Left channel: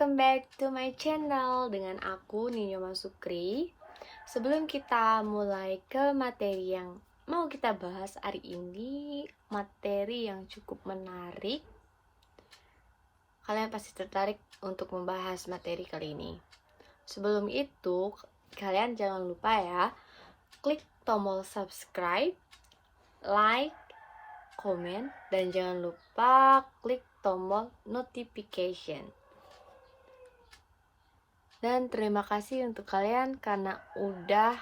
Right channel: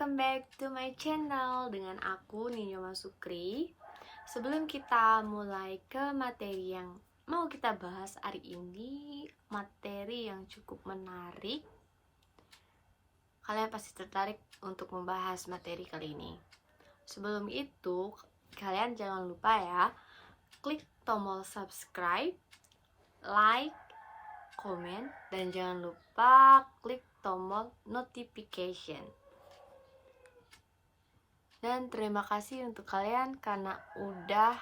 welcome back to my channel dengan aku Ninyoma Sukri. Sebelum kita mulai ke materi yang mau kita bahas hari ini, materi yang cukup menarik. Kalian pasti tertarik untuk membahas materi kali ini. Sebelum itu, kalian jangan lupa ya, klik tombol subscribe, like, komen, dan jangan lupa klik tombol notification. Dan terima kasih untuk kalian karena udah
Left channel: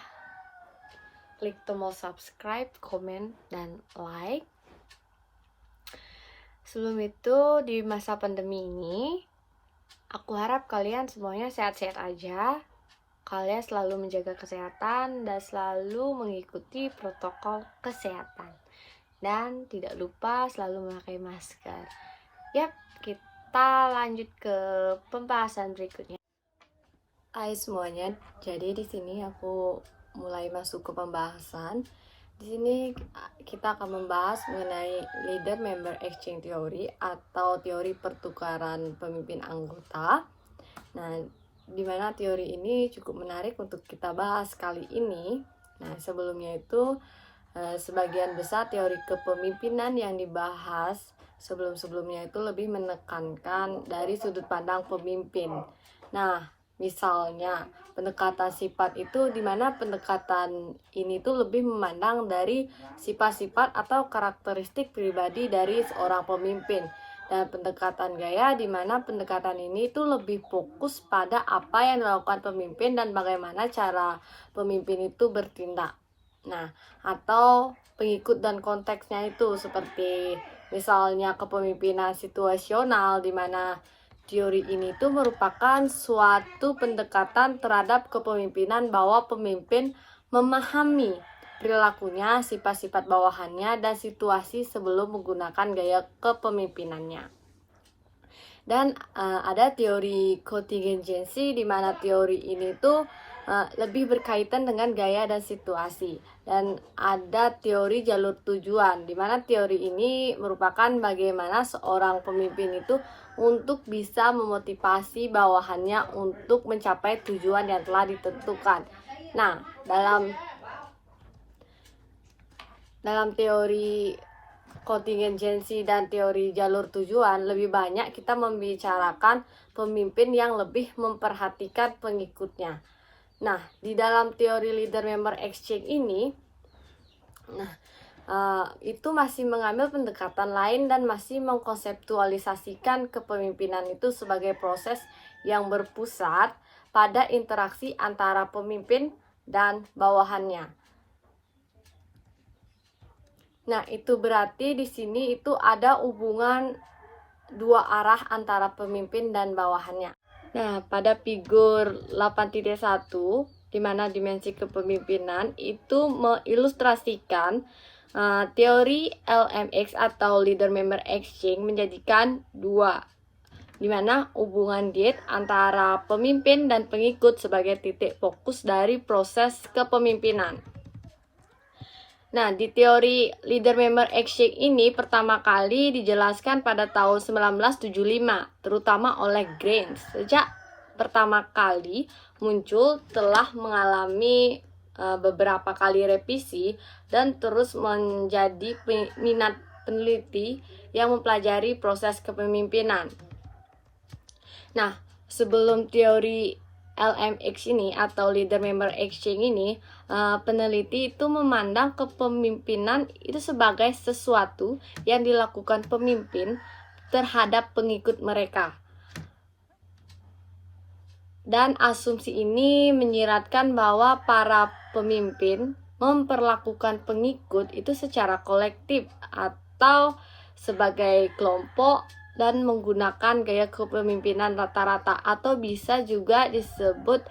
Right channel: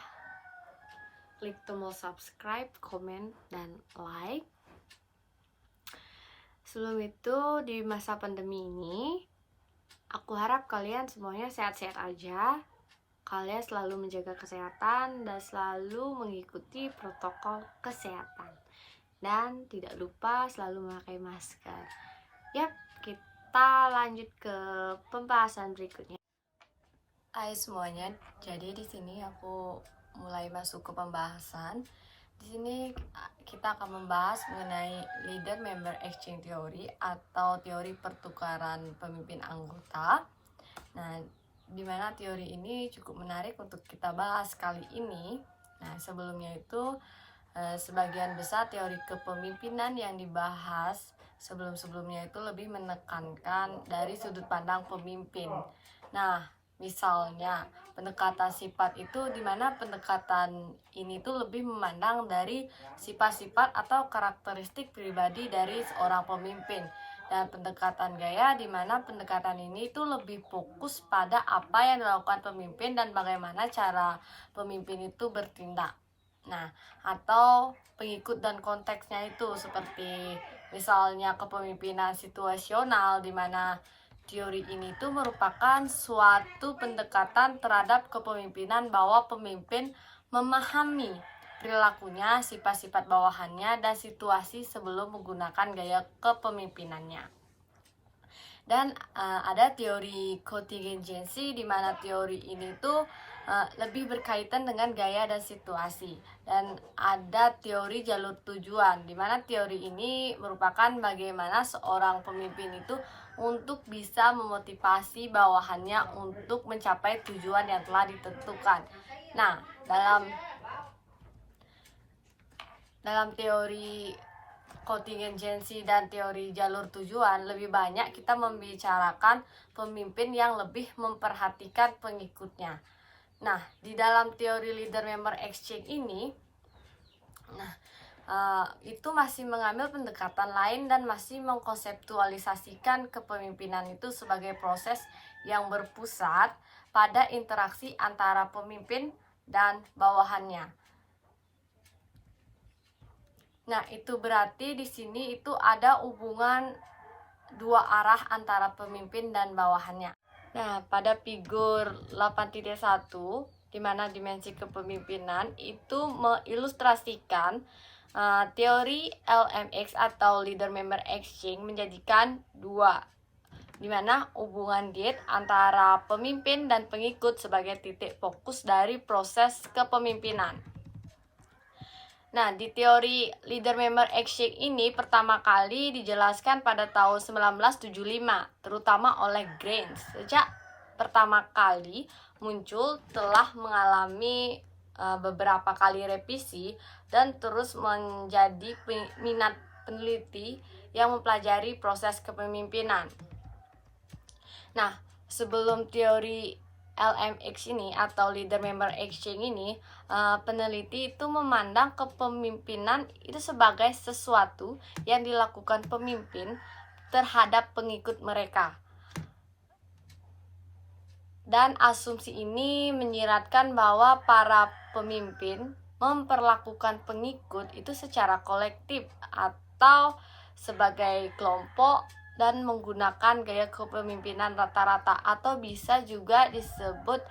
klik tombol subscribe, komen, dan like. Sebelum itu, di masa pandemi ini, aku harap kalian semuanya sehat-sehat aja. Kalian selalu menjaga kesehatan dan selalu mengikuti protokol kesehatan. Dan tidak lupa selalu memakai masker. Yap, kita lanjut ke pembahasan berikutnya. Hai semuanya, jadi di sini aku mulai masuk ke pembahasan. Di sini kita akan membahas mengenai Leader Member Exchange Theory atau teori pertukaran pemimpin anggota. Nah, di mana teori ini cukup menarik untuk kita bahas kali ini. Nah, sebelumnya itu sebagian besar teori kepemimpinan yang dibahas sebelum-sebelumnya itu lebih menekankan dari sudut pandang pemimpin. Nah, misalnya pendekatan sifat itu di mana pendekatan ini tuh lebih memandang dari sifat-sifat atau karakteristik pribadi dari seorang pemimpin. Dan pendekatan gaya di mana pendekatan ini tuh lebih fokus pada apa yang dilakukan pemimpin dan bagaimana cara pemimpin itu bertindak. Nah, atau pengikut dan konteksnya itu seperti misalnya kepemimpinan situasional di mana teori ini tuh merupakan suatu pendekatan terhadap kepemimpinan bahwa pemimpin memahami perilakunya, sifat-sifat bawahannya, dan situasi sebelum menggunakan gaya kepemimpinannya. Dan ada teori kontingensi di mana teori ini tuh lebih berkaitan dengan gaya dan situasi. Dan ada teori jalur tujuan di mana teori ini merupakan bagaimana seorang pemimpin itu untuk bisa memotivasi bawahannya untuk mencapai tujuan yang telah ditentukan. Nah, dalam teori kontingensi dan teori jalur tujuan lebih banyak kita membicarakan pemimpin yang lebih memperhatikan pengikutnya. Nah, di dalam teori leader member exchange ini, itu masih mengambil pendekatan lain dan masih mengkonseptualisasikan kepemimpinan itu sebagai proses yang berpusat pada interaksi antara pemimpin dan bawahannya. Nah, itu berarti di sini itu ada hubungan dua arah antara pemimpin dan bawahannya. Nah, pada figur 8.1 di mana dimensi kepemimpinan itu mengilustrasikan teori LMX atau Leader Member Exchange menjadikan dua, di mana hubungan diet antara pemimpin dan pengikut sebagai titik fokus dari proses kepemimpinan. Nah, di teori Leader Member Exchange ini pertama kali dijelaskan pada tahun 1975, terutama oleh Grimes. Sejak pertama kali muncul telah mengalami beberapa kali revisi dan terus menjadi minat peneliti yang mempelajari proses kepemimpinan. Nah, sebelum teori LMX ini atau Leader Member Exchange ini, peneliti itu memandang kepemimpinan itu sebagai sesuatu yang dilakukan pemimpin terhadap pengikut mereka. Dan asumsi ini menyiratkan bahwa para pemimpin memperlakukan pengikut itu secara kolektif atau sebagai kelompok dan menggunakan gaya kepemimpinan rata-rata, atau bisa juga disebut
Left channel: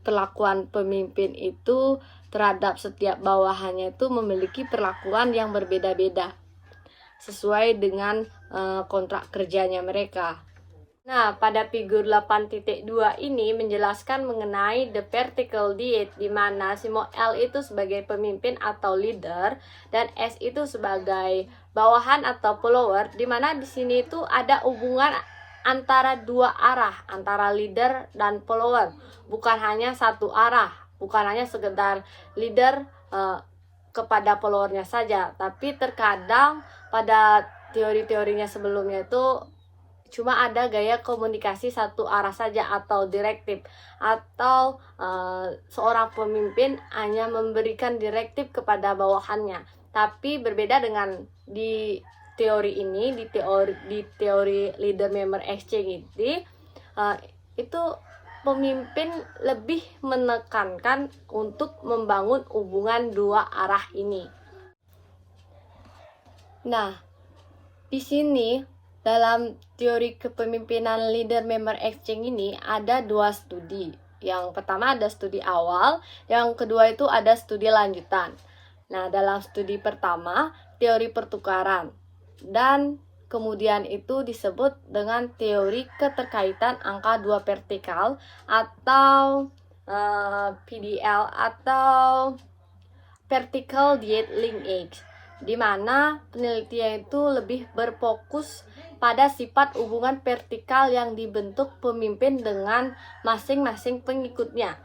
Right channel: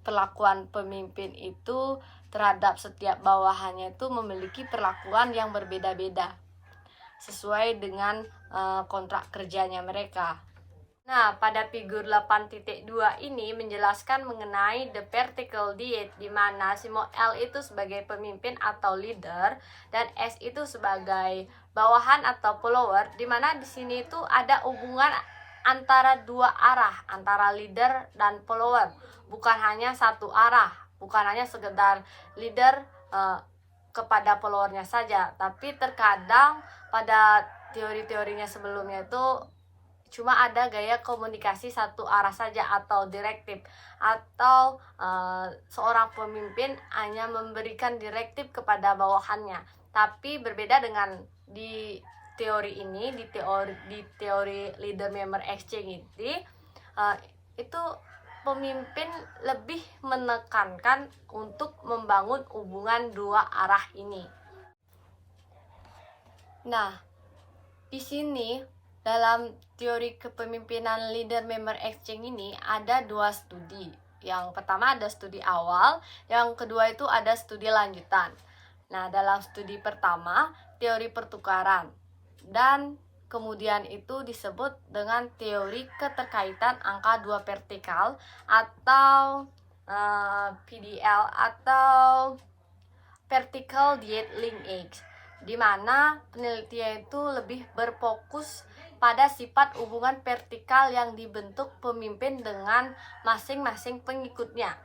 perlakuan pemimpin itu terhadap setiap bawahannya itu memiliki perlakuan yang berbeda-beda sesuai dengan kontrak kerjanya mereka. Nah, pada figur 8.2 ini menjelaskan mengenai the vertical diet, di mana simbol L itu sebagai pemimpin atau leader dan S itu sebagai bawahan atau follower, di mana di sini itu ada hubungan antara dua arah, antara leader dan follower, bukan hanya satu arah, bukan hanya sekedar leader kepada followernya saja, tapi terkadang pada teori-teorinya sebelumnya itu cuma ada gaya komunikasi satu arah saja atau direktif, atau seorang pemimpin hanya memberikan direktif kepada bawahannya. Tapi berbeda dengan di teori ini, di teori leader member exchange ini, itu pemimpin lebih menekankan untuk membangun hubungan dua arah ini. Nah, di sini dalam teori kepemimpinan leader member exchange ini ada dua studi. Yang pertama ada studi awal, yang kedua itu ada studi lanjutan. Nah, dalam studi pertama, teori pertukaran, dan kemudian itu disebut dengan teori keterkaitan angka dua vertikal atau PDL atau Vertical Diet Linkage, di mana penelitian itu lebih berfokus pada sifat hubungan vertikal yang dibentuk pemimpin dengan masing-masing pengikutnya.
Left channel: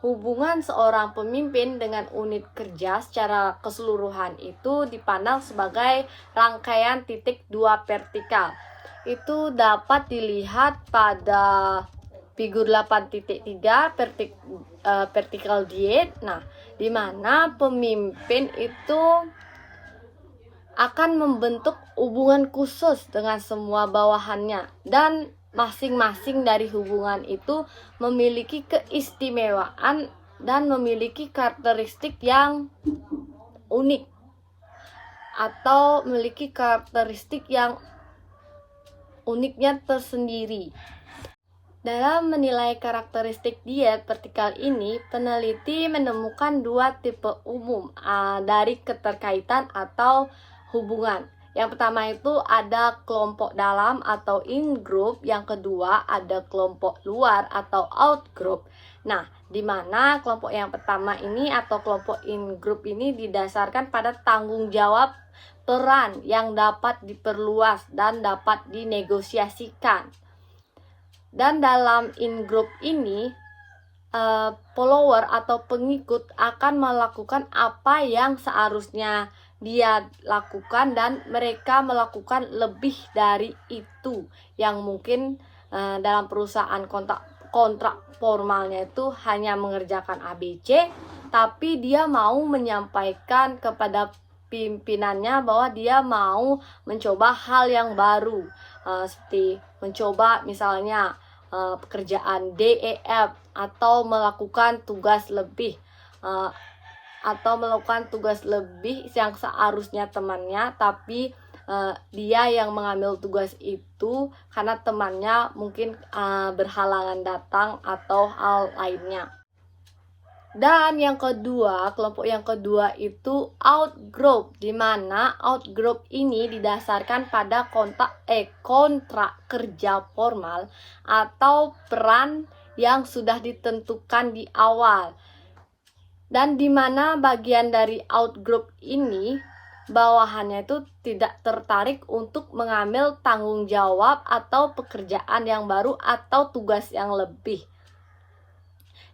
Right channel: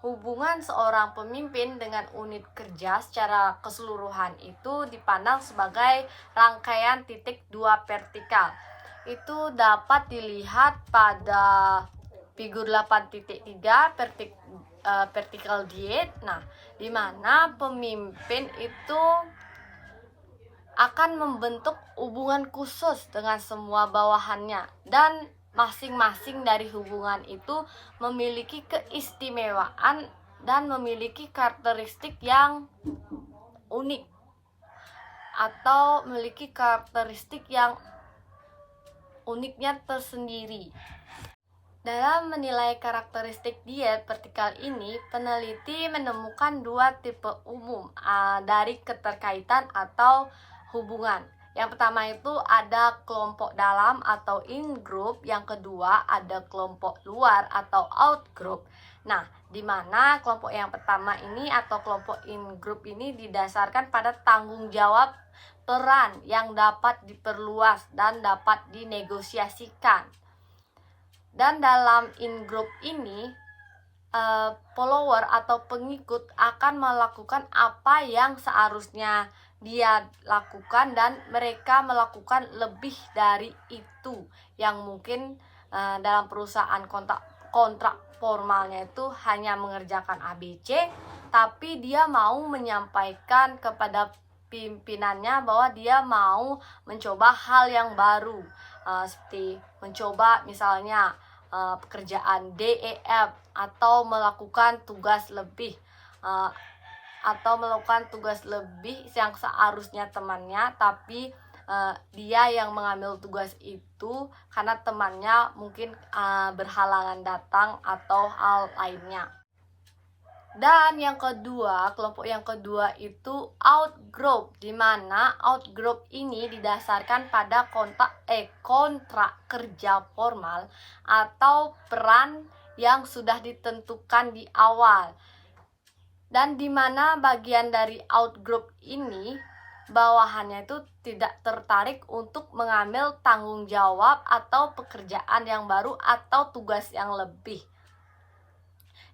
Hubungan seorang pemimpin dengan unit kerja secara keseluruhan itu dipandang sebagai rangkaian titik dua vertikal. Itu dapat dilihat pada figur 8.3 vertical diet. Nah, di mana pemimpin itu akan membentuk hubungan khusus dengan semua bawahannya, dan masing-masing dari hubungan itu memiliki keistimewaan dan memiliki karakteristik yang unik atau memiliki karakteristik yang uniknya tersendiri. Dalam menilai karakteristik diet vertikal ini, peneliti menemukan dua tipe umum dari keterkaitan atau hubungan. Yang pertama itu ada kelompok dalam atau in-group, yang kedua ada kelompok luar atau out-group. Nah, di mana kelompok yang pertama ini atau kelompok in-group ini didasarkan pada tanggung jawab peran yang dapat diperluas dan dapat dinegosiasikan. Dan dalam in-group ini, follower atau pengikut akan melakukan apa yang seharusnya dia lakukan, dan mereka melakukan lebih dari itu yang mungkin dalam perusahaan kontrak formalnya itu hanya mengerjakan ABC, tapi dia mau menyampaikan kepada pimpinannya bahwa dia mau mencoba hal yang baru, seperti mencoba misalnya pekerjaan DEF, atau melakukan tugas lebih yang seharusnya temannya, tapi dia yang mengambil tugas itu karena temannya mungkin berhalangan datang atau hal lainnya. Dan yang kedua, kelompok yang kedua itu outgroup, di mana outgroup ini didasarkan pada kontrak kerja formal atau peran yang sudah ditentukan di awal. Dan di mana bagian dari outgroup ini, bawahannya itu tidak tertarik untuk mengambil tanggung jawab atau pekerjaan yang baru atau tugas yang lebih.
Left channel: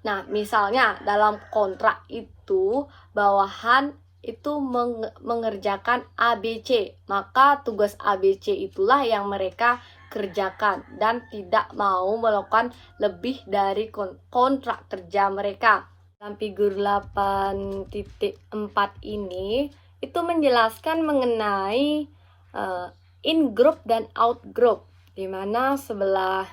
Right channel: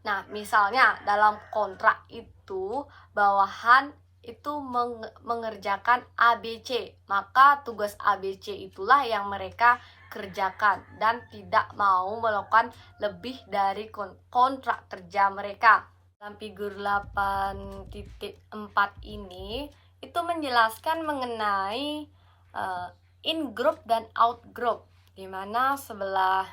Nah, misalnya dalam kontrak itu bawahan itu mengerjakan ABC, maka tugas ABC itulah yang mereka kerjakan dan tidak mau melakukan lebih dari kontrak kerja mereka. Dalam figur 8.4 ini itu menjelaskan mengenai in-group dan out-group, di mana sebelah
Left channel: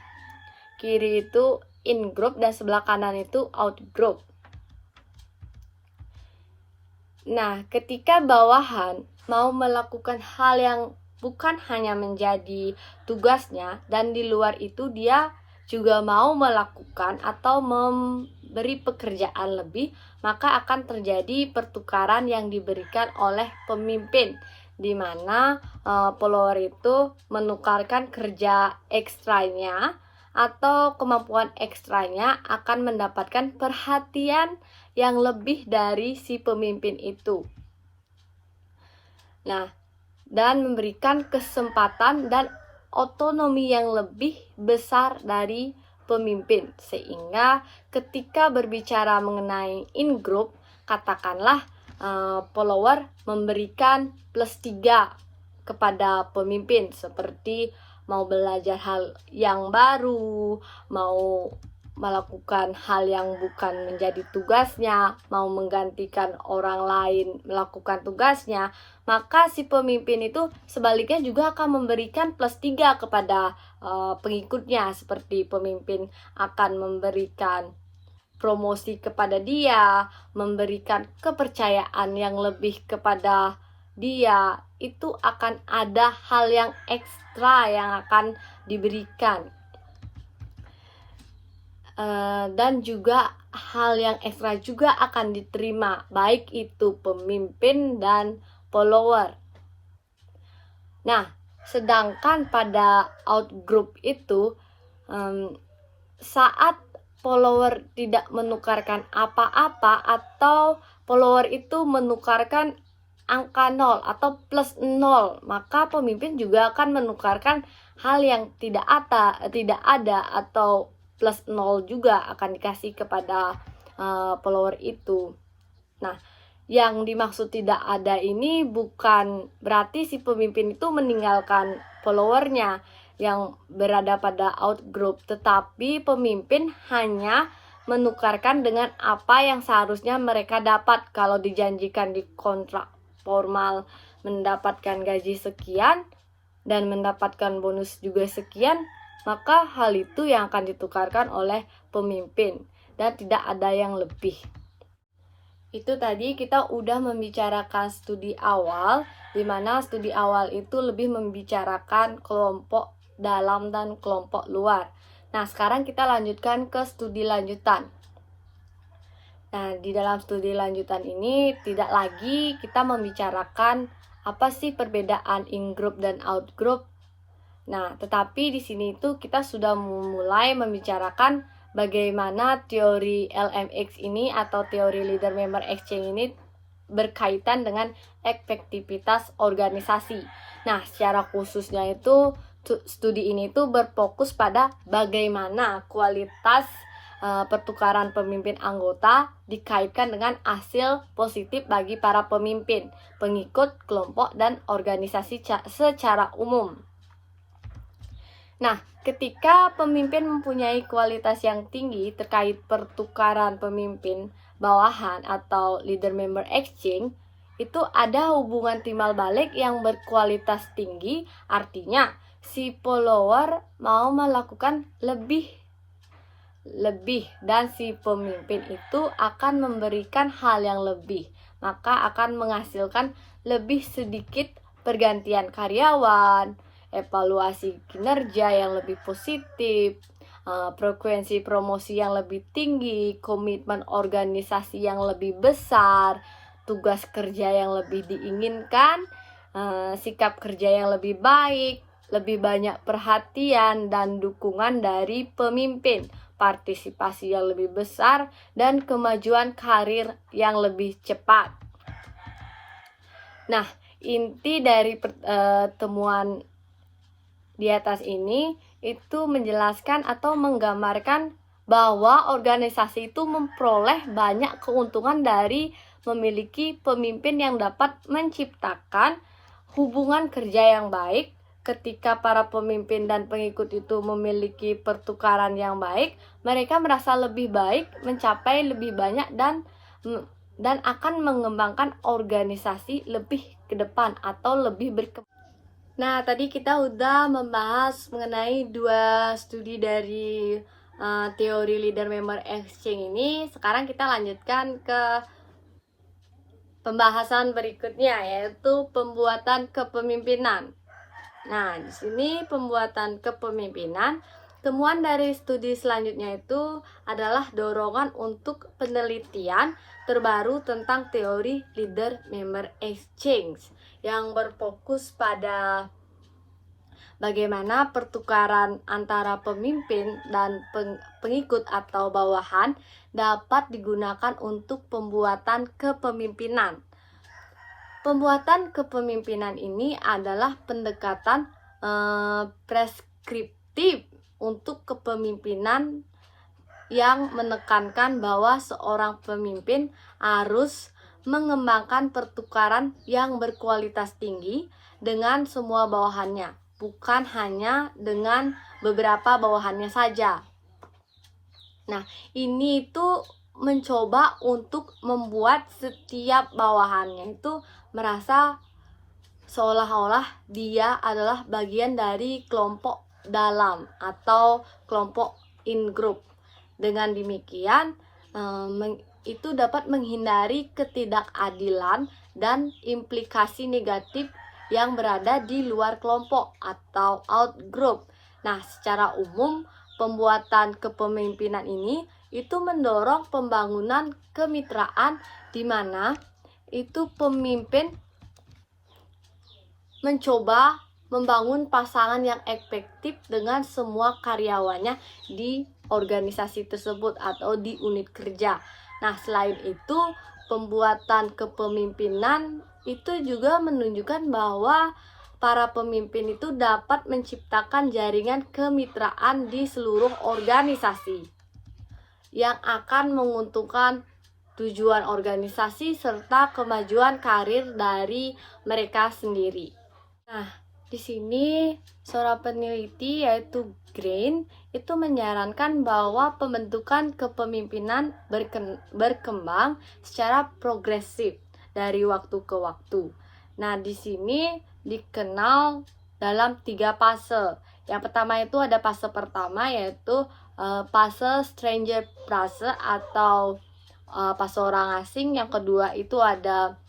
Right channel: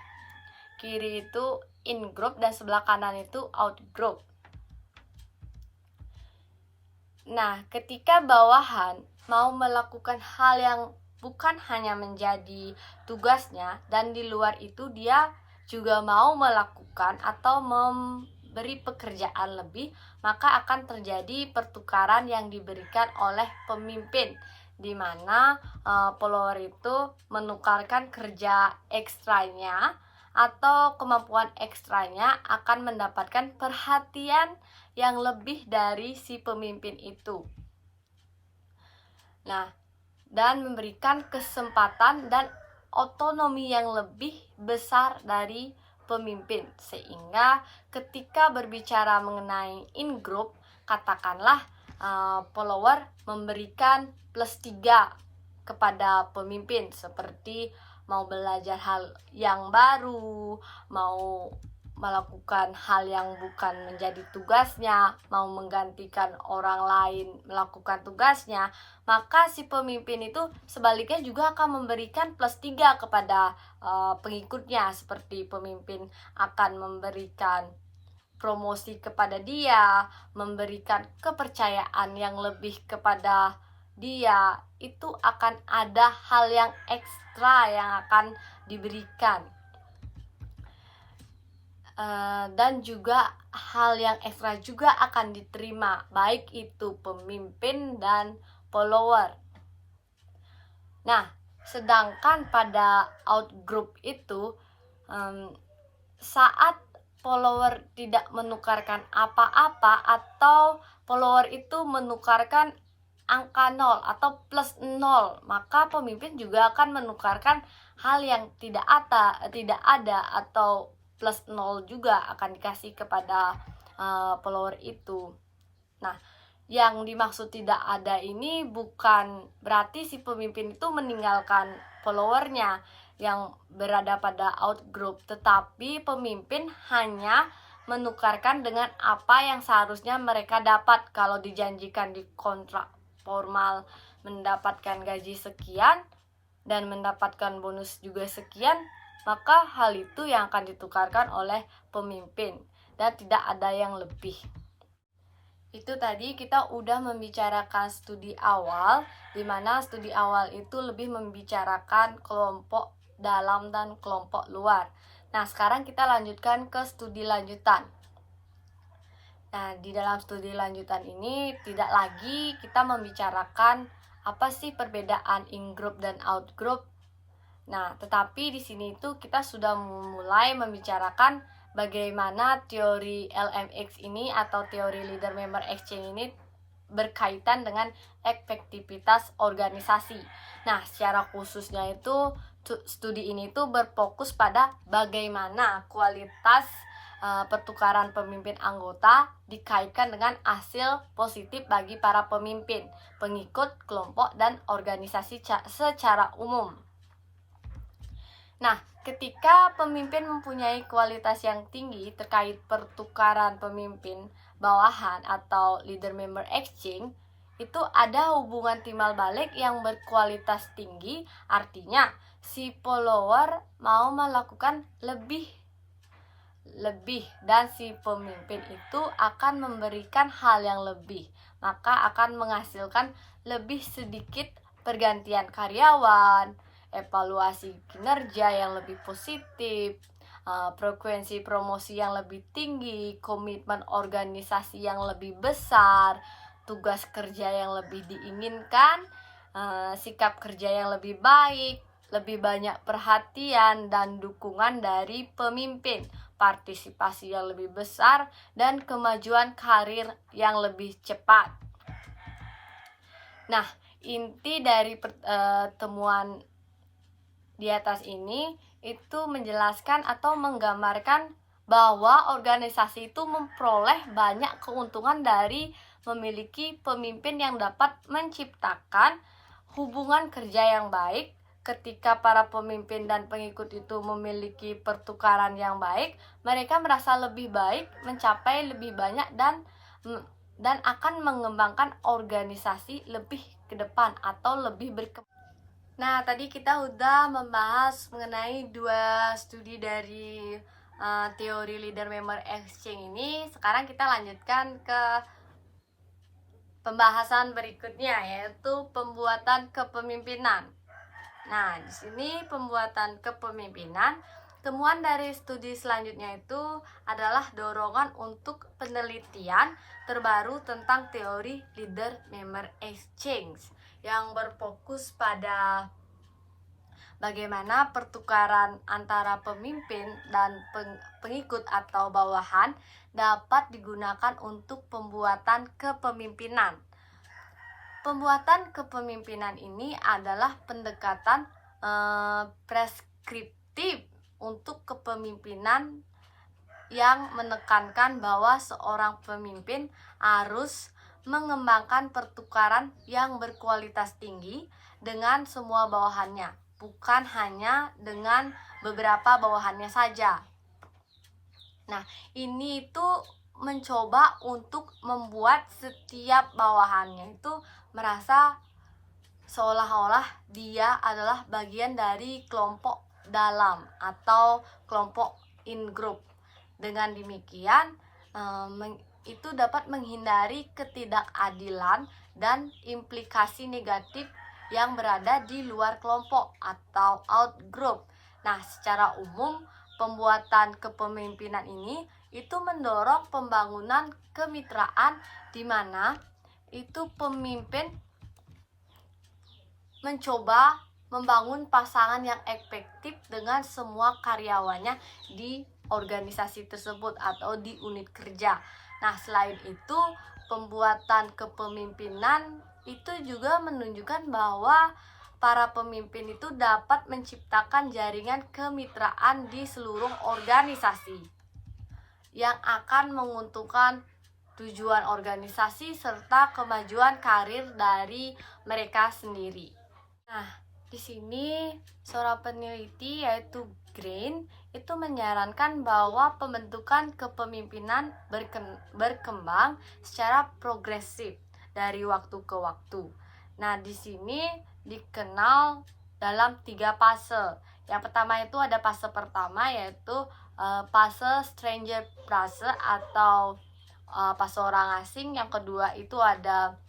kiri itu in-group dan sebelah kanan itu out-group. Nah, ketika bawahan mau melakukan hal yang bukan hanya menjadi tugasnya, dan di luar itu dia juga mau melakukan atau memberi pekerjaan lebih, maka akan terjadi pertukaran yang diberikan oleh pemimpin, di mana follower itu menukarkan kerja ekstranya atau kemampuan ekstranya akan mendapatkan perhatian yang lebih dari si pemimpin itu. Nah, dan memberikan kesempatan dan otonomi yang lebih besar dari pemimpin. Sehingga ketika berbicara mengenai in-group, katakanlah follower memberikan +3 kepada pemimpin, seperti mau belajar hal yang baru, mau melakukan hal yang bukan menjadi tugasnya, mau menggantikan orang lain melakukan tugasnya, maka si pemimpin itu sebaliknya juga akan memberikan +3 kepada pengikutnya, seperti pemimpin akan memberikan promosi kepada dia, memberikan kepercayaan yang lebih kepada dia. Itu akan ada hal yang ekstra yang akan diberikan, dan juga hal yang ekstra juga akan diterima, baik itu pemimpin dan follower. Nah, sedangkan pada outgroup itu, saat follower tidak menukarkan apa-apa atau follower itu menukarkan angka 0 atau +0, maka pemimpin juga akan menukarkan hal yang tidak ada atau +0 juga akan dikasih kepada follower itu. Nah, yang dimaksud tidak ada ini bukan berarti si pemimpin itu meninggalkan followernya yang berada pada outgroup, tetapi pemimpin hanya menukarkan dengan apa yang seharusnya mereka dapat. Kalau dijanjikan di kontrak formal mendapatkan gaji sekian dan mendapatkan bonus juga sekian, maka hal itu yang akan ditukarkan oleh pemimpin dan tidak ada yang lebih. Itu tadi kita udah membicarakan studi awal, di mana studi awal itu lebih membicarakan kelompok dalam dan kelompok luar. Nah, sekarang kita lanjutkan ke studi lanjutan. Nah, di dalam studi lanjutan ini tidak lagi kita membicarakan apa sih perbedaan in-group dan out-group. Nah, tetapi di sini itu kita sudah mulai membicarakan bagaimana teori LMX ini atau teori Leader Member Exchange ini berkaitan dengan efektivitas organisasi. Nah, secara khususnya itu studi ini tuh berfokus pada bagaimana kualitas pertukaran pemimpin anggota dikaitkan dengan hasil positif bagi para pemimpin, pengikut, kelompok, dan organisasi secara umum. Nah, ketika pemimpin mempunyai kualitas yang tinggi terkait pertukaran pemimpin bawahan atau leader member exchange, itu ada hubungan timbal balik yang berkualitas tinggi, artinya si follower mau melakukan lebih dan si pemimpin itu akan memberikan hal yang lebih, maka akan menghasilkan lebih sedikit pergantian karyawan, evaluasi kinerja yang lebih positif, frekuensi promosi yang lebih tinggi, komitmen organisasi yang lebih besar, tugas kerja yang lebih diinginkan, sikap kerja yang lebih baik, lebih banyak perhatian dan dukungan dari pemimpin, partisipasi yang lebih besar, dan kemajuan karir yang lebih cepat. Nah, inti dari temuan di atas ini itu menjelaskan atau menggambarkan bahwa organisasi itu memperoleh banyak keuntungan dari memiliki pemimpin yang dapat menciptakan hubungan kerja yang baik. Ketika para pemimpin dan pengikut itu memiliki pertukaran yang baik, mereka merasa lebih baik, mencapai lebih banyak dan akan mengembangkan organisasi lebih ke depan atau lebih berkembang. Nah, tadi kita udah membahas mengenai 2 studi dari teori leader member exchange ini. Sekarang kita lanjutkan ke pembahasan berikutnya, yaitu pembuatan kepemimpinan. Nah, di sini pembuatan kepemimpinan, temuan dari studi selanjutnya itu adalah dorongan untuk penelitian terbaru tentang teori leader member exchange yang berfokus pada bagaimana pertukaran antara pemimpin dan pengikut atau bawahan dapat digunakan untuk pembuatan kepemimpinan. Pembuatan kepemimpinan ini adalah pendekatan preskriptif untuk kepemimpinan yang menekankan bahwa seorang pemimpin harus mengembangkan pertukaran yang berkualitas tinggi dengan semua bawahannya, bukan hanya dengan beberapa bawahannya saja. Nah, ini itu mencoba untuk membuat setiap bawahannya itu merasa seolah-olah dia adalah bagian dari kelompok dalam atau kelompok in group. Dengan demikian, itu dapat menghindari ketidakadilan dan implikasi negatif yang berada di luar kelompok atau out group. Nah, secara umum, pembuatan kepemimpinan ini itu mendorong pembangunan kemitraan di mana itu pemimpin mencoba membangun pasangan yang efektif dengan semua karyawannya di organisasi tersebut atau di unit kerja. Nah, selain itu, pembuatan kepemimpinan itu juga menunjukkan bahwa para pemimpin itu dapat menciptakan jaringan kemitraan di seluruh organisasi yang akan menguntungkan tujuan organisasi serta kemajuan karir dari mereka sendiri. Nah, di sini seorang peneliti yaitu Green itu menyarankan bahwa pembentukan kepemimpinan berkembang secara progresif dari waktu ke waktu. Nah, di sini dikenal dalam 3 fase. Yang pertama itu ada fase pertama yaitu fase stranger fase atau fase orang asing. Yang kedua itu ada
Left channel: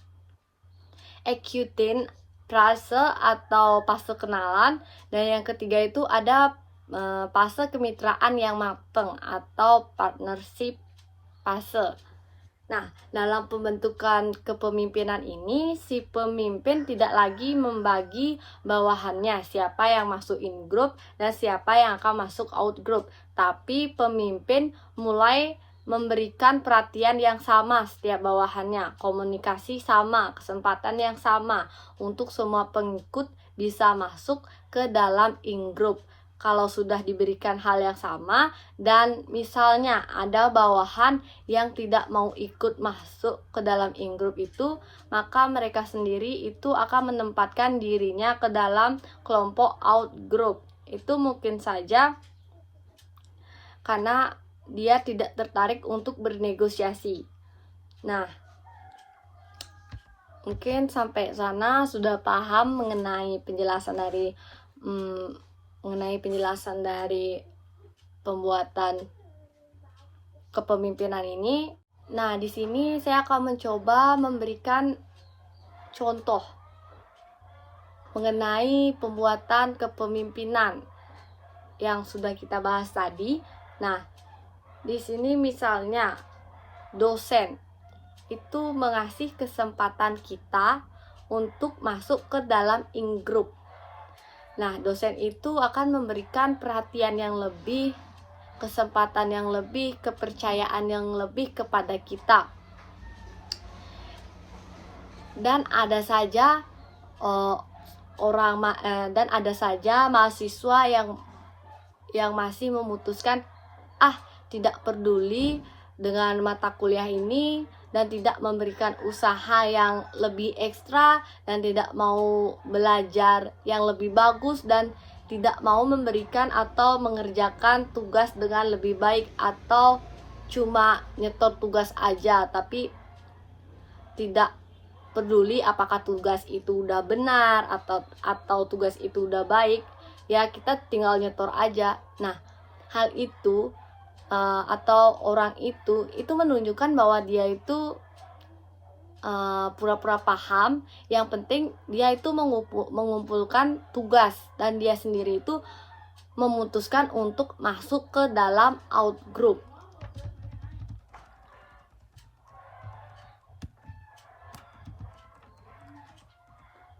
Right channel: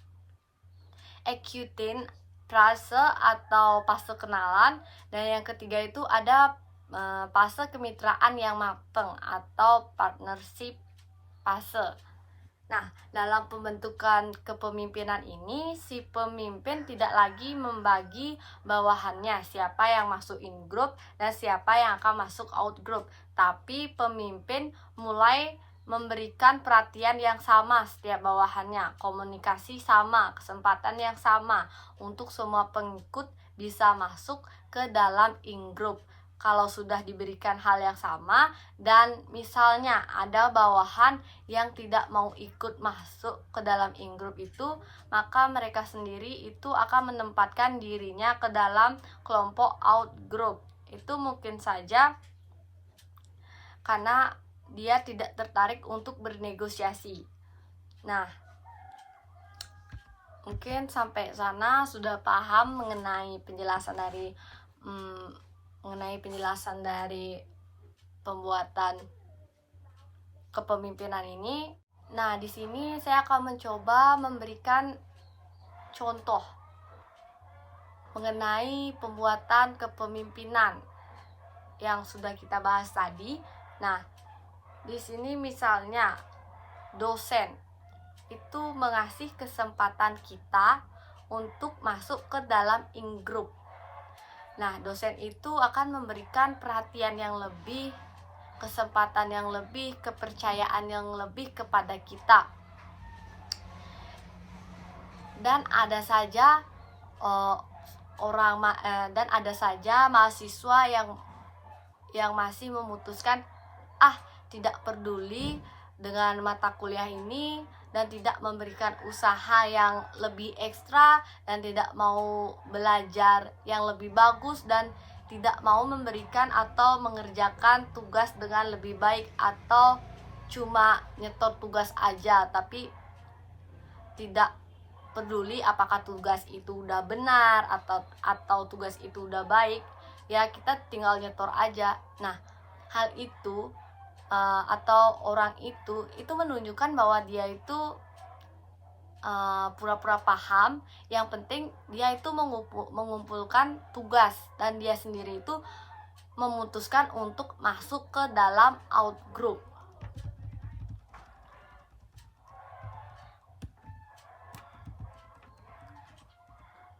acquaintance fase atau fase kenalan, dan yang ketiga itu ada fase kemitraan yang matang atau partnership fase. Nah, dalam pembentukan kepemimpinan ini, si pemimpin tidak lagi membagi bawahannya siapa yang masuk in group dan siapa yang akan masuk out group, tapi pemimpin mulai memberikan perhatian yang sama setiap bawahannya, komunikasi sama, kesempatan yang sama untuk semua pengikut bisa masuk ke dalam in group. Kalau sudah diberikan hal yang sama dan misalnya ada bawahan yang tidak mau ikut masuk ke dalam in group itu, maka mereka sendiri itu akan menempatkan dirinya ke dalam kelompok out group. Itu mungkin saja karena dia tidak tertarik untuk bernegosiasi. Nah, mungkin sampai sana sudah paham mengenai penjelasan dari pembuatan kepemimpinan ini. Nah, di sini saya akan mencoba memberikan contoh mengenai pembuatan kepemimpinan yang sudah kita bahas tadi. Nah, di sini misalnya dosen itu mengasih kesempatan kita untuk masuk ke dalam in group. Nah, dosen itu akan memberikan perhatian yang lebih, kesempatan yang lebih, kepercayaan yang lebih kepada kita. Dan ada saja mahasiswa yang masih memutuskan tidak peduli dengan mata kuliah ini dan tidak memberikan usaha yang lebih ekstra dan tidak mau belajar yang lebih bagus dan tidak mau memberikan atau mengerjakan tugas dengan lebih baik atau cuma nyetor tugas aja tapi tidak peduli apakah tugas itu udah benar atau tugas itu udah baik, ya kita tinggal nyetor aja. Nah, hal itu atau orang itu menunjukkan bahwa dia itu pura-pura paham. Yang penting dia itu mengumpulkan tugas dan dia sendiri itu memutuskan untuk masuk ke dalam out group.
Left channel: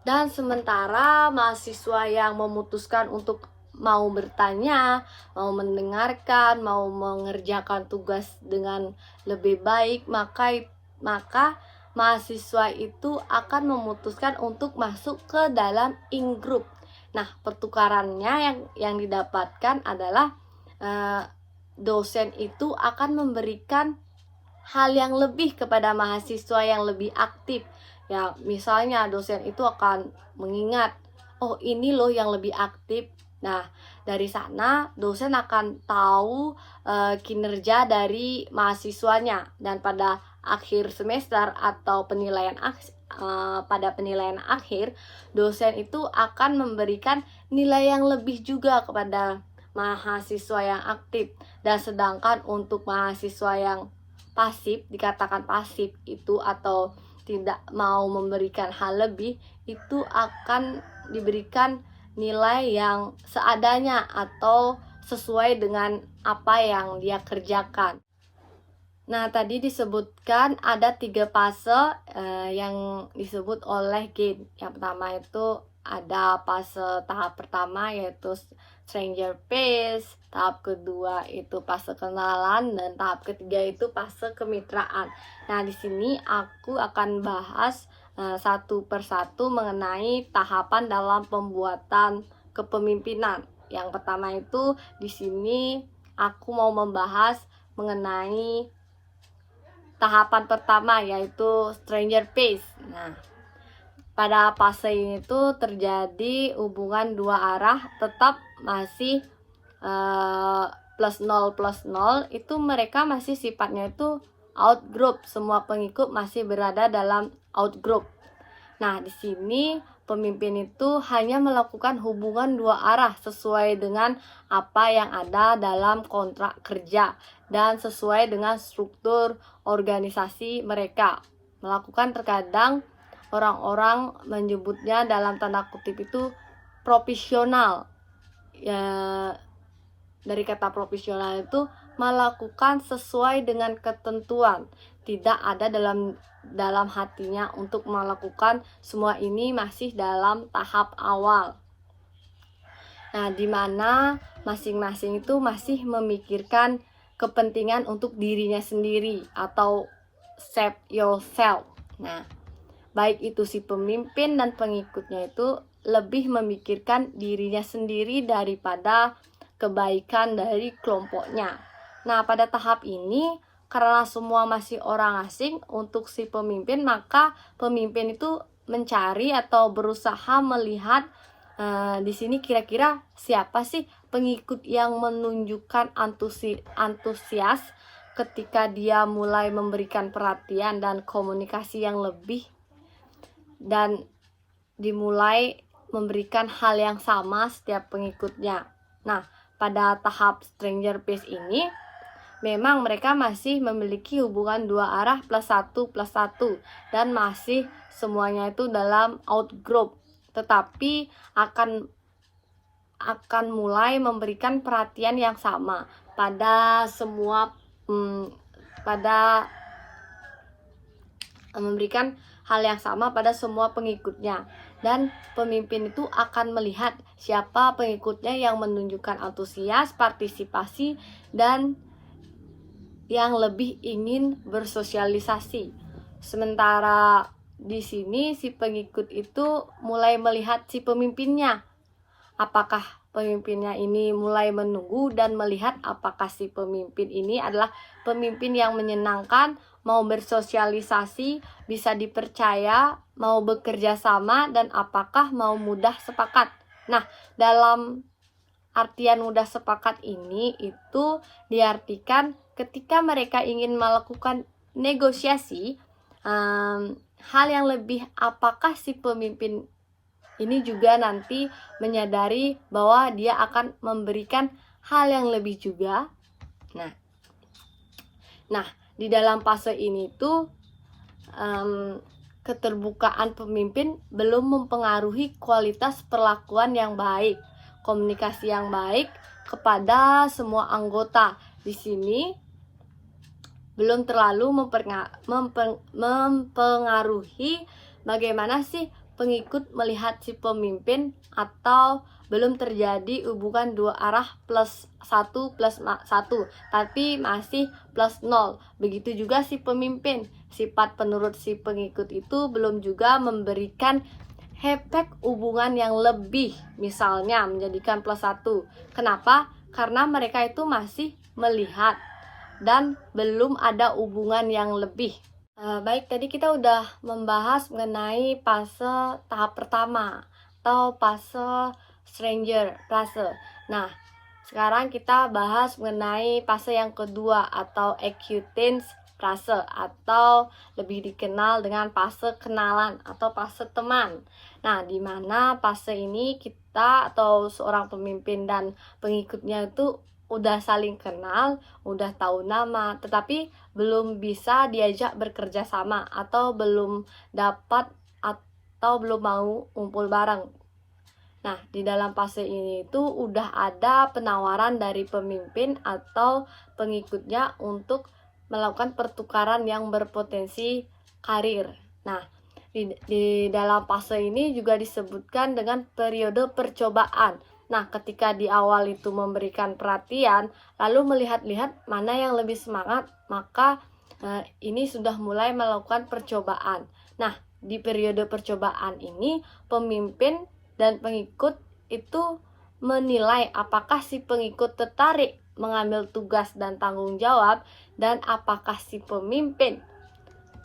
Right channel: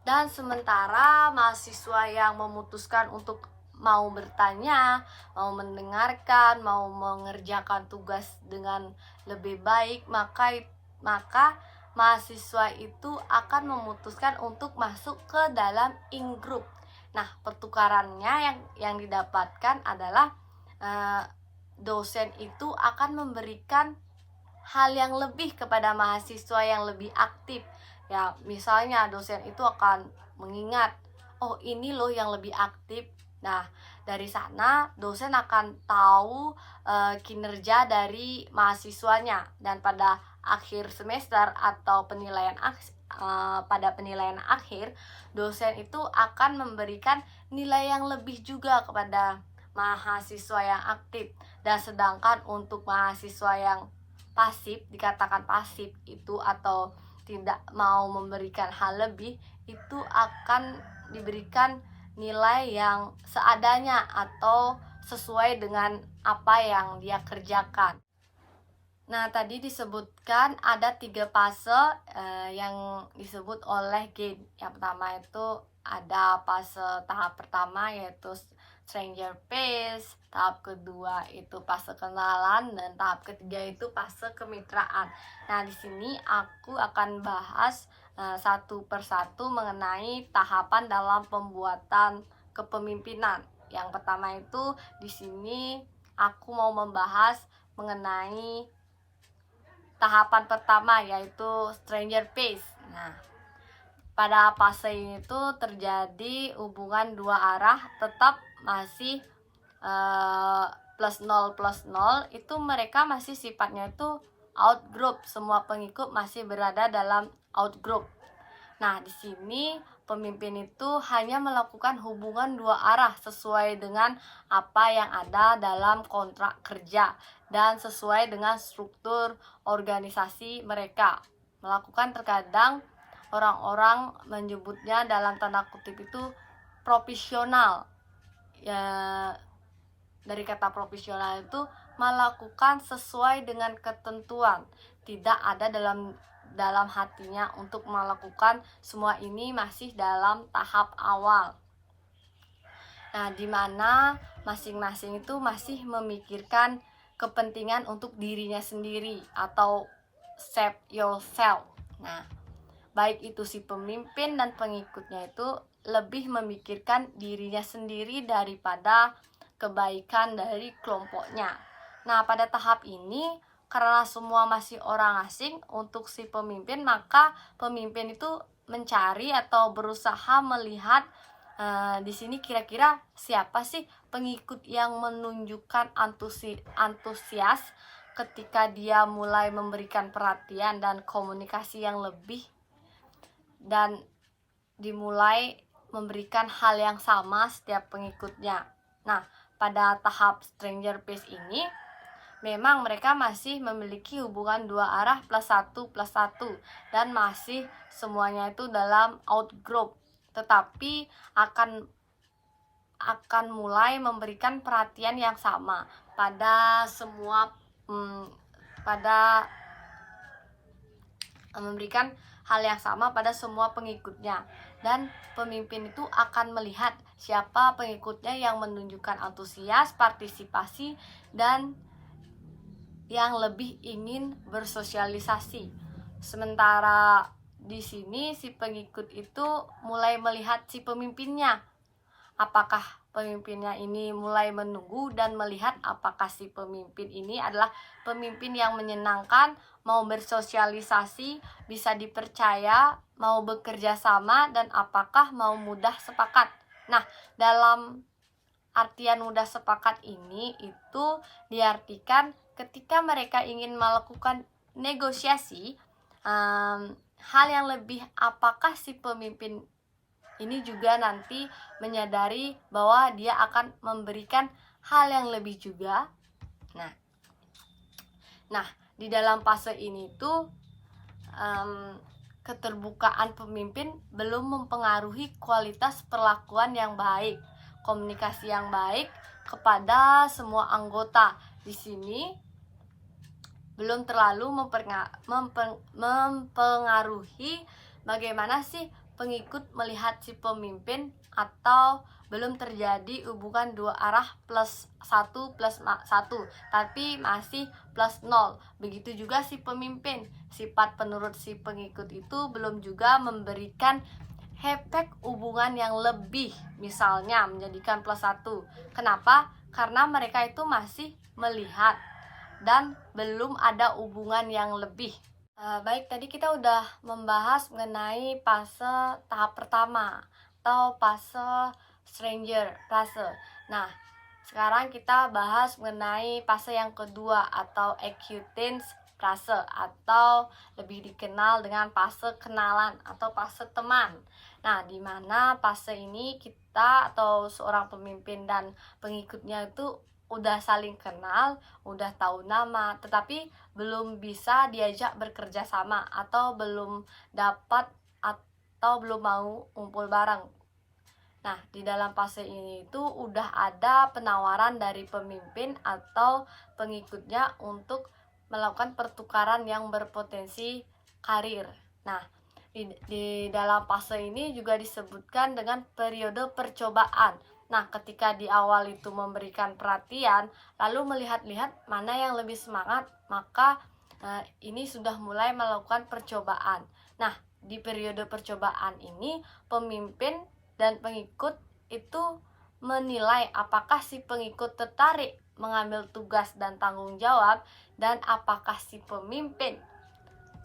Dan sementara mahasiswa yang memutuskan untuk mau bertanya, mau mendengarkan, mau mengerjakan tugas dengan lebih baik, maka mahasiswa itu akan memutuskan untuk masuk ke dalam in group. Nah, pertukarannya yang didapatkan adalah dosen itu akan memberikan hal yang lebih kepada mahasiswa yang lebih aktif. Ya, misalnya dosen itu akan mengingat, oh ini loh yang lebih aktif. Nah, dari sana dosen akan tahu kinerja dari mahasiswanya, dan pada akhir semester atau pada penilaian akhir, dosen itu akan memberikan nilai yang lebih juga kepada mahasiswa yang aktif. Dan sedangkan untuk mahasiswa yang pasif, dikatakan pasif itu atau tidak mau memberikan hal lebih, itu akan diberikan nilai yang seadanya atau sesuai dengan apa yang dia kerjakan. Nah, tadi disebutkan ada 3 fase yang disebut oleh Gain. Yang pertama itu ada fase tahap pertama, yaitu stranger phase, tahap kedua itu fase kenalan, dan tahap ketiga itu fase kemitraan. Nah, di sini aku akan bahas satu persatu mengenai tahapan dalam pembuatan kepemimpinan. Yang pertama itu di sini aku mau membahas mengenai tahapan pertama, yaitu stranger phase. Nah, pada fase ini tuh terjadi hubungan dua arah, tetap masih plus 0, itu mereka masih sifatnya itu out group, semua pengikut masih berada dalam out group. Nah, di sini pemimpin itu hanya melakukan hubungan dua arah sesuai dengan apa yang ada dalam kontrak kerja dan sesuai dengan struktur organisasi mereka. Melakukan, terkadang orang-orang menyebutnya dalam tanda kutip itu profesional. Ya, dari kata profesional itu melakukan sesuai dengan ketentuan, tidak ada dalam hatinya untuk melakukan semua ini, masih dalam tahap awal. Nah, di mana masing-masing itu masih memikirkan kepentingan untuk dirinya sendiri atau save yourself. Nah, baik itu si pemimpin dan pengikutnya itu lebih memikirkan dirinya sendiri daripada kebaikan dari kelompoknya. Nah, pada tahap ini karena semua masih orang asing untuk si pemimpin, maka pemimpin itu mencari atau berusaha melihat di sini kira-kira siapa sih pengikut yang menunjukkan antusias ketika dia mulai memberikan perhatian dan komunikasi yang lebih, dan dimulai memberikan hal yang sama setiap pengikutnya. Nah, pada tahap stranger phase ini memang mereka masih memiliki hubungan dua arah plus 1+1 dan masih semuanya itu dalam out group, tetapi akan mulai memberikan perhatian yang sama pada semua memberikan hal yang sama pada semua pengikutnya, dan pemimpin itu akan melihat siapa pengikutnya yang menunjukkan antusias, partisipasi, dan yang lebih ingin bersosialisasi. Sementara di sini si pengikut itu mulai melihat si pemimpinnya. Apakah pemimpinnya ini mulai menunggu dan melihat apakah si pemimpin ini adalah pemimpin yang menyenangkan, mau bersosialisasi, bisa dipercaya, mau bekerja sama, dan apakah mau mudah sepakat. Nah, dalam artian mudah sepakat ini itu diartikan ketika mereka ingin melakukan negosiasi, hal yang lebih, apakah si pemimpin ini juga nanti menyadari bahwa dia akan memberikan hal yang lebih juga. Nah, di dalam fase ini tuh keterbukaan pemimpin belum mempengaruhi kualitas perlakuan yang baik, komunikasi yang baik kepada semua anggota. Di sini belum terlalu mempengaruhi bagaimana sih pengikut melihat si pemimpin, atau belum terjadi hubungan dua arah plus 1+1, tapi masih plus 0. Begitu juga si pemimpin, sifat penurut si pengikut itu belum juga memberikan efek hubungan yang lebih, misalnya menjadikan +1. Kenapa? Karena mereka itu masih melihat dan belum ada hubungan yang lebih. Baik, tadi kita udah membahas mengenai fase tahap pertama atau fase stranger fase. Nah, sekarang kita bahas mengenai fase yang kedua atau acquaintance fase, atau lebih dikenal dengan fase kenalan atau fase teman. Nah, di mana fase ini kita atau seorang pemimpin dan pengikutnya itu udah saling kenal, udah tahu nama, tetapi belum bisa diajak bekerja sama atau belum dapat atau belum mau ngumpul bareng. Nah, di dalam fase ini itu udah ada penawaran dari pemimpin atau pengikutnya untuk melakukan pertukaran yang berpotensi karir. Nah, di dalam fase ini juga disebutkan dengan periode percobaan. Nah, ketika di awal itu memberikan perhatian, lalu melihat-lihat mana yang lebih semangat, maka ini sudah mulai melakukan percobaan. Nah, di periode percobaan ini, pemimpin dan pengikut itu menilai apakah si pengikut tertarik mengambil tugas dan tanggung jawab, dan apakah si pemimpin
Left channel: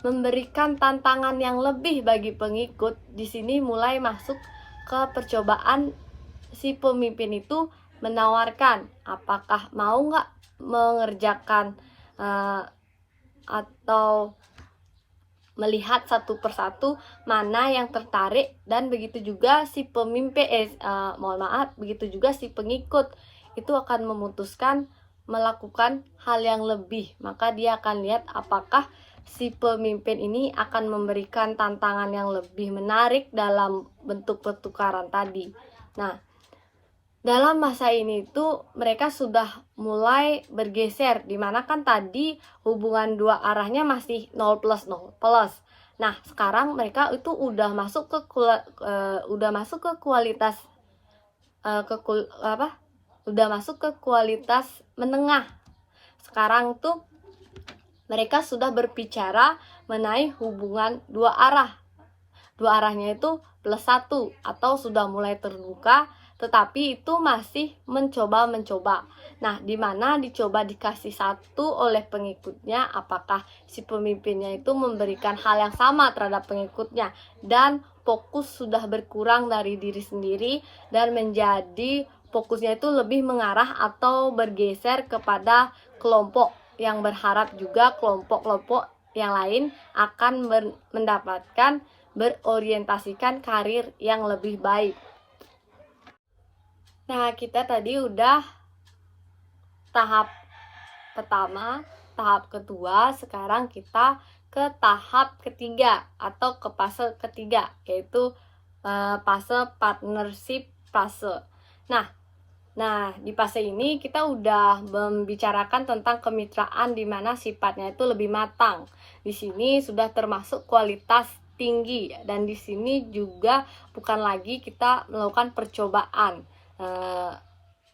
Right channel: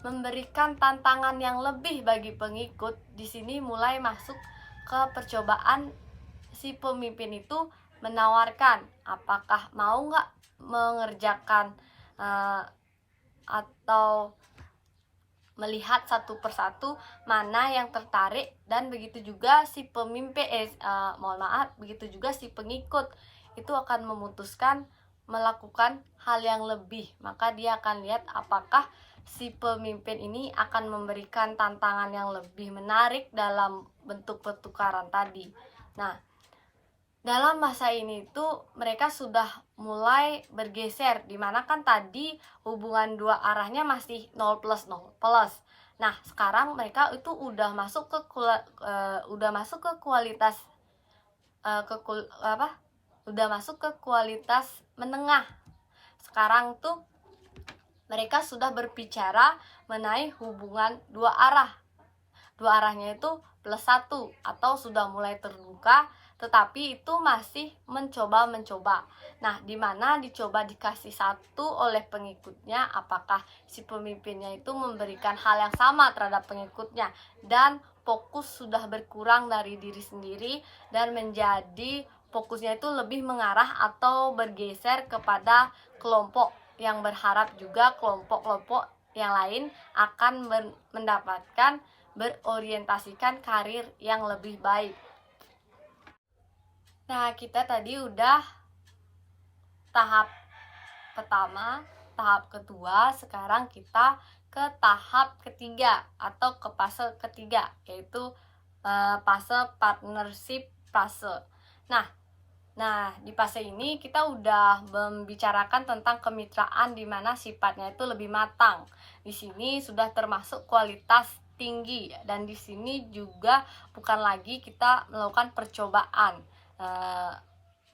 memberikan tantangan yang lebih bagi pengikut. Di sini mulai masuk ke percobaan. Si pemimpin itu menawarkan apakah mau nggak mengerjakan atau melihat satu persatu mana yang tertarik, dan begitu juga si pemimpin begitu juga si pengikut itu akan memutuskan melakukan hal yang lebih. Maka dia akan lihat apakah si pemimpin ini akan memberikan tantangan yang lebih menarik dalam bentuk pertukaran tadi. Nah, dalam masa ini tuh mereka sudah mulai bergeser, dimana kan tadi hubungan dua arahnya masih 0+0+. Nah, sekarang mereka itu udah masuk ke kualitas udah masuk ke kualitas menengah. Sekarang tuh mereka sudah berbicara mengenai hubungan dua arah. Dua arahnya itu +1 atau sudah mulai terbuka, tetapi itu masih mencoba-mencoba. Nah, di mana dicoba dikasih satu oleh pengikutnya, apakah si pemimpinnya itu memberikan hal yang sama terhadap pengikutnya, dan fokus sudah berkurang dari diri sendiri dan menjadi fokusnya itu lebih mengarah atau bergeser kepada kelompok, yang berharap juga kelompok-kelompok yang lain akan mendapatkan berorientasikan karir yang lebih baik. Nah, kita tadi udah tahap pertama, tahap kedua, sekarang kita ke tahap ketiga atau ke fase ketiga, yaitu fase partnership fase. Nah, di fase ini kita udah membicarakan tentang kemitraan di mana sifatnya itu lebih matang. Di sini sudah termasuk kualitas tinggi, dan di sini juga bukan lagi kita melakukan percobaan.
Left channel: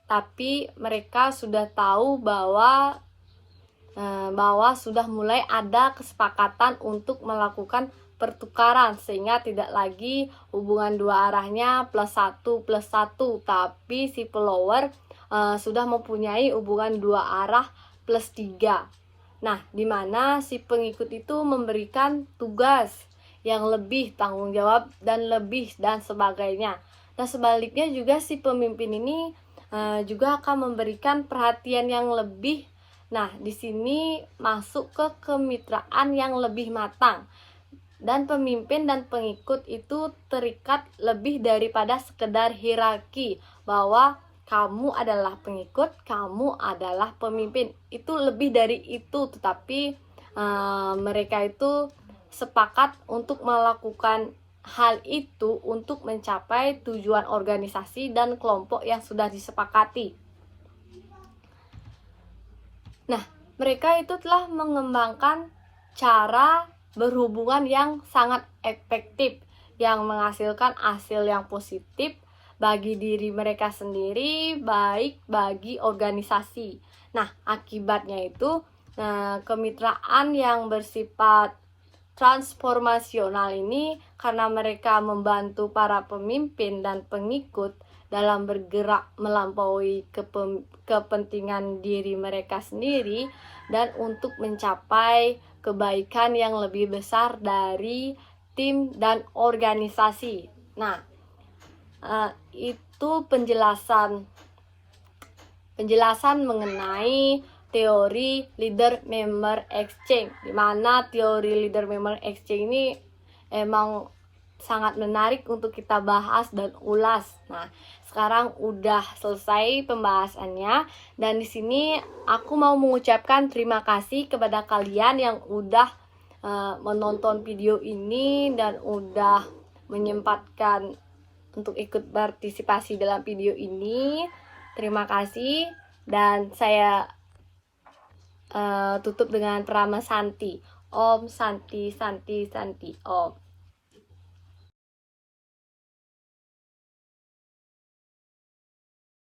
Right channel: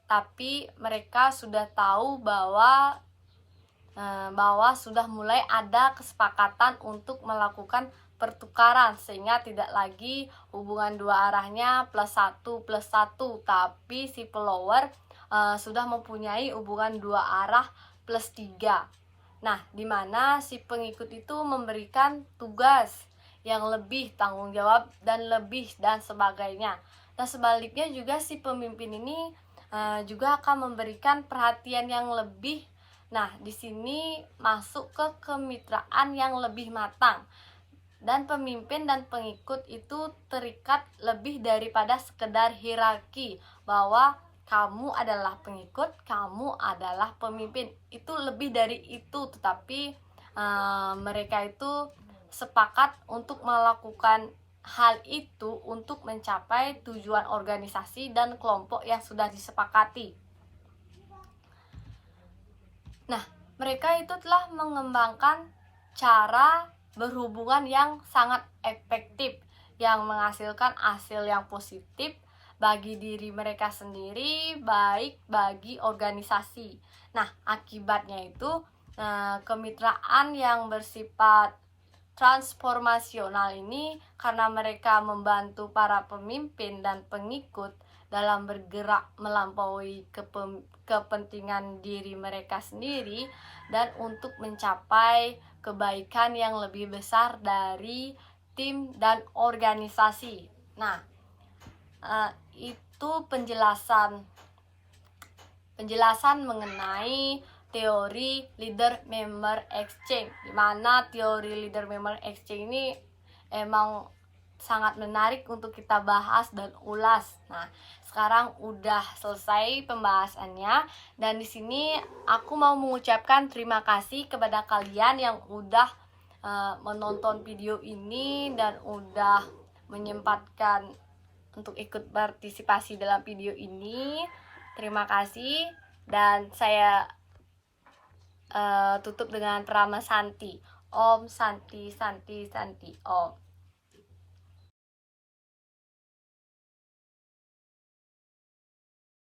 Tapi mereka sudah tahu bahwa sudah mulai ada kesepakatan untuk melakukan pertukaran, sehingga tidak lagi hubungan dua arahnya +1+1, tapi si follower sudah mempunyai hubungan dua arah +3. Nah, dimana si pengikut itu memberikan tugas yang lebih, tanggung jawab dan lebih, dan sebagainya. Nah, sebaliknya juga si pemimpin ini juga akan memberikan perhatian yang lebih. Nah, di sini masuk ke kemitraan yang lebih matang, dan pemimpin dan pengikut itu terikat lebih daripada sekedar hierarki, bahwa kamu adalah pengikut, kamu adalah pemimpin. Itu lebih dari itu, tetapi mereka itu sepakat untuk melakukan hal itu untuk mencapai tujuan organisasi dan kelompok yang sudah disepakati. Nah, mereka itu telah mengembangkan cara berhubungan yang sangat efektif, yang menghasilkan hasil yang positif bagi diri mereka sendiri, baik bagi organisasi. Nah, akibatnya itu kemitraan yang bersifat transformasional ini karena mereka membantu para pemimpin dan pengikut dalam bergerak melampaui kepentingan diri mereka sendiri dan untuk mencapai kebaikan yang lebih besar dari tim dan organisasi. Nah, itu penjelasan mengenai teori leader member exchange, di mana teori leader member exchange ini emang sangat menarik untuk kita bahas dan ulas. Nah, sekarang udah selesai pembahasannya, dan di sini aku mau mengucapkan terima kasih kepada kalian yang udah menonton video ini dan udah menyempatkan untuk ikut partisipasi dalam video ini. Terima kasih, dan saya tutup dengan Prama Santi. Om Santi Santi Santi Om.